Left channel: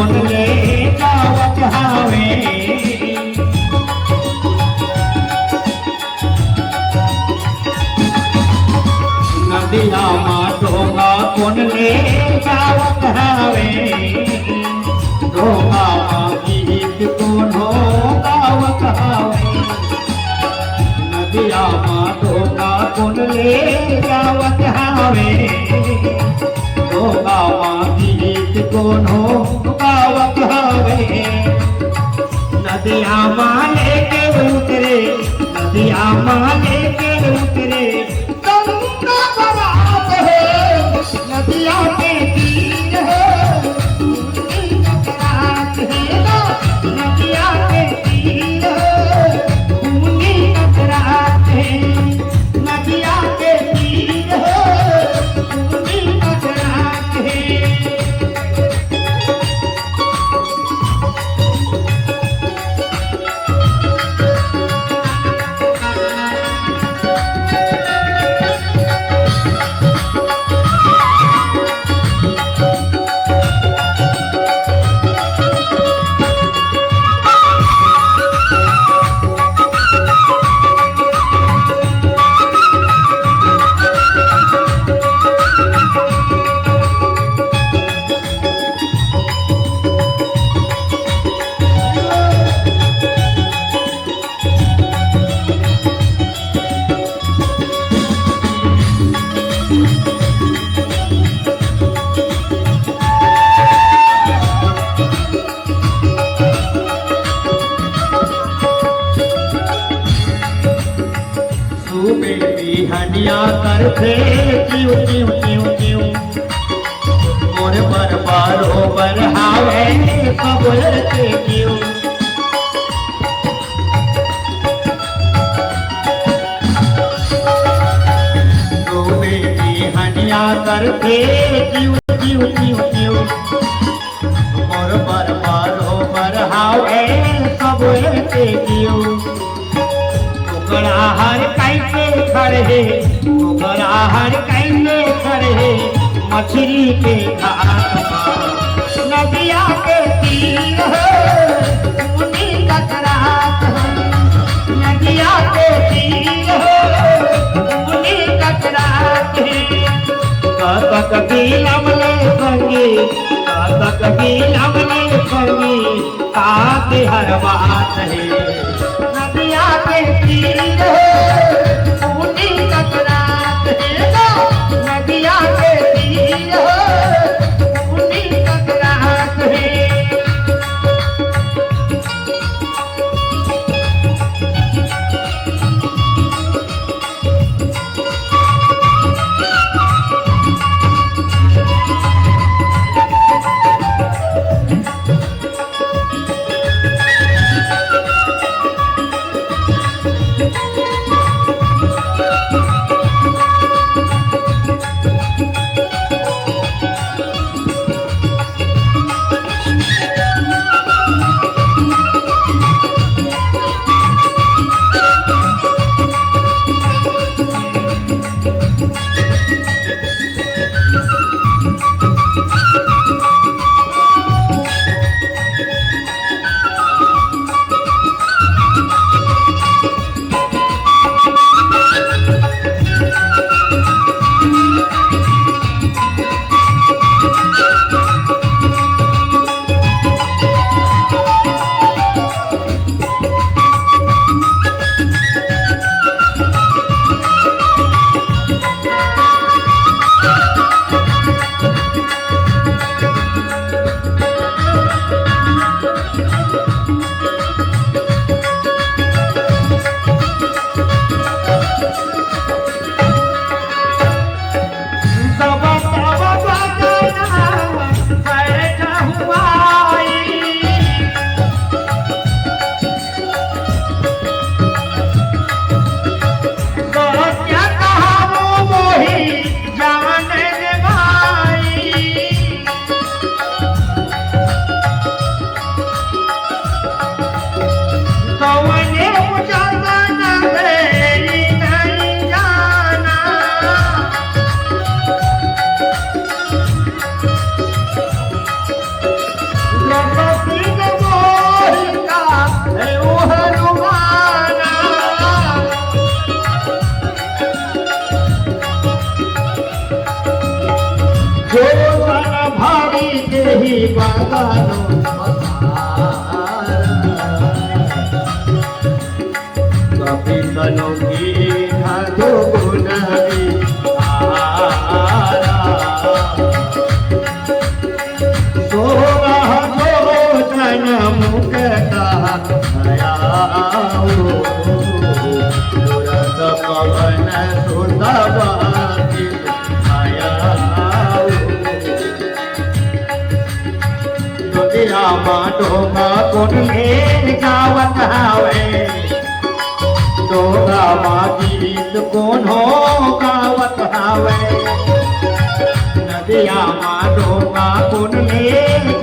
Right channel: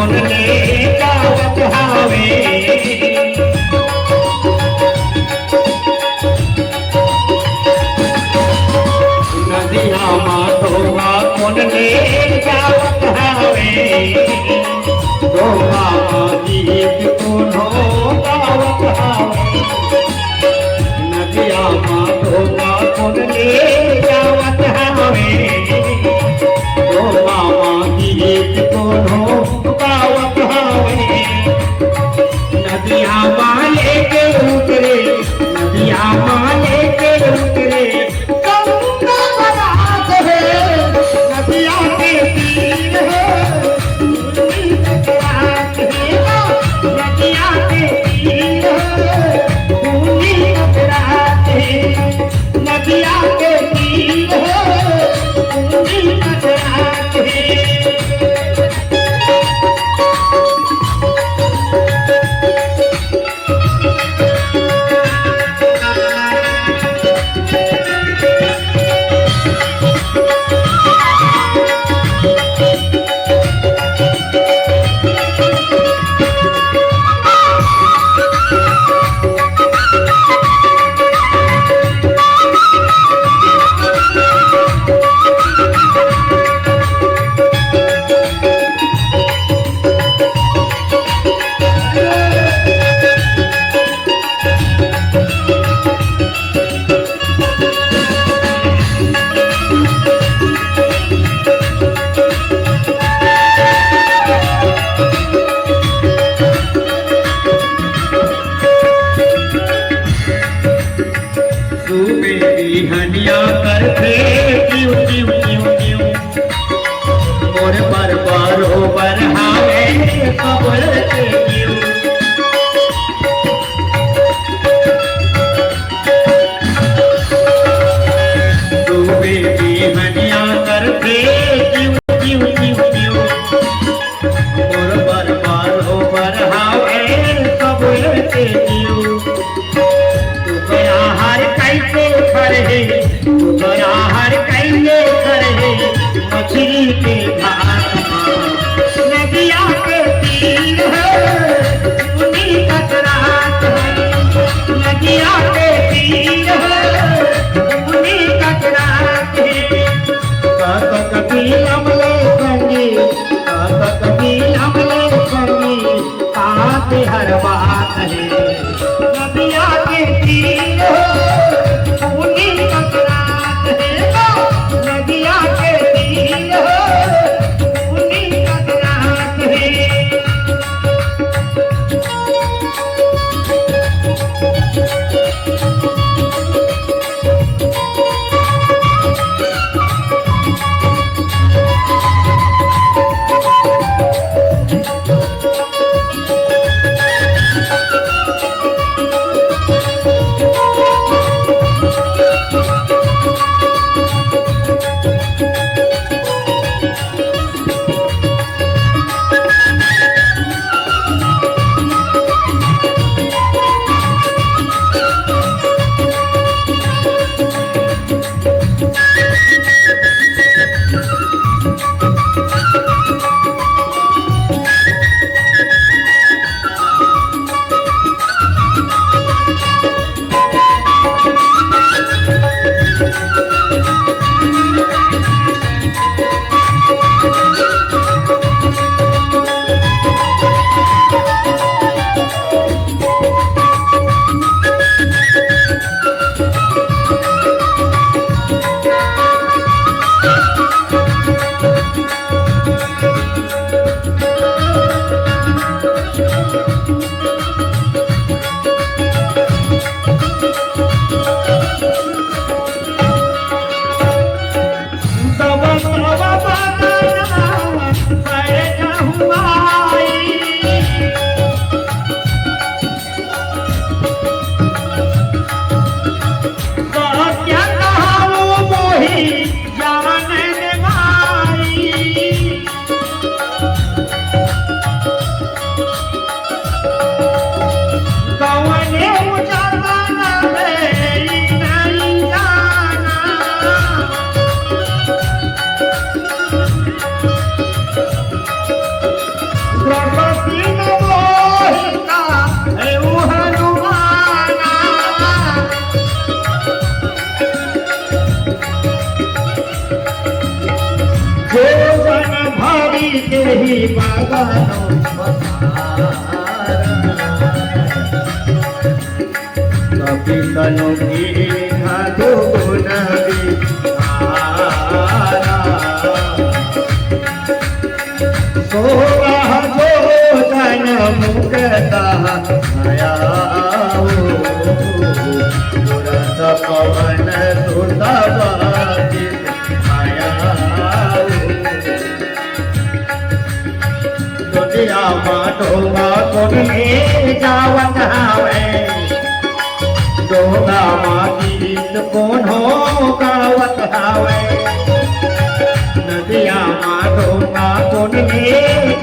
कौन ले जावत हावे नदिया मा डोंगा कौन ले जावत हावे डोंगा गीत कोनो गावत हावे नदिया मा डोंगा कौन ले जावत हावे डोंगा गीत कोनो गावत हावे नदिया वाले के उतरे नदिया वाले के उतरे गंगा बरात है नदिया के तीर है नदिया के तीर है भूमि कतरात है नदिया के तीर है भूमि कतरात है हनिया कर फेर क्यों क्यों क्यों क्यों मोर पर बारो बरहावे खबर के क्यों तू बेटी हनिया कर फेर क्यों क्यों क्यों क्यों मोर पर बारो बरहावे खबर के क्यों हर कैसे खड़े हर कैसे खड़े मछली के घाट नदिया के तीर है भूमि कतरात है नदिया के तीर है भूमि कतरात है कबक भी हमले संगी कबक भी हमले संगी काते हर बात है नदिया के तीर नदिया के तीर भूमि कतरात है द्रौपदी ने मोहिता એવું હનુમાના जो जन भावी के ही बागानो कपितलों की मधु नवी सोरह जो जन मुक्ता आया तुरंत पवन सुता डोगा कोन में जावत हावे डोगा गीत कोन हो गावत हावे नदिया मा डोगा कोन में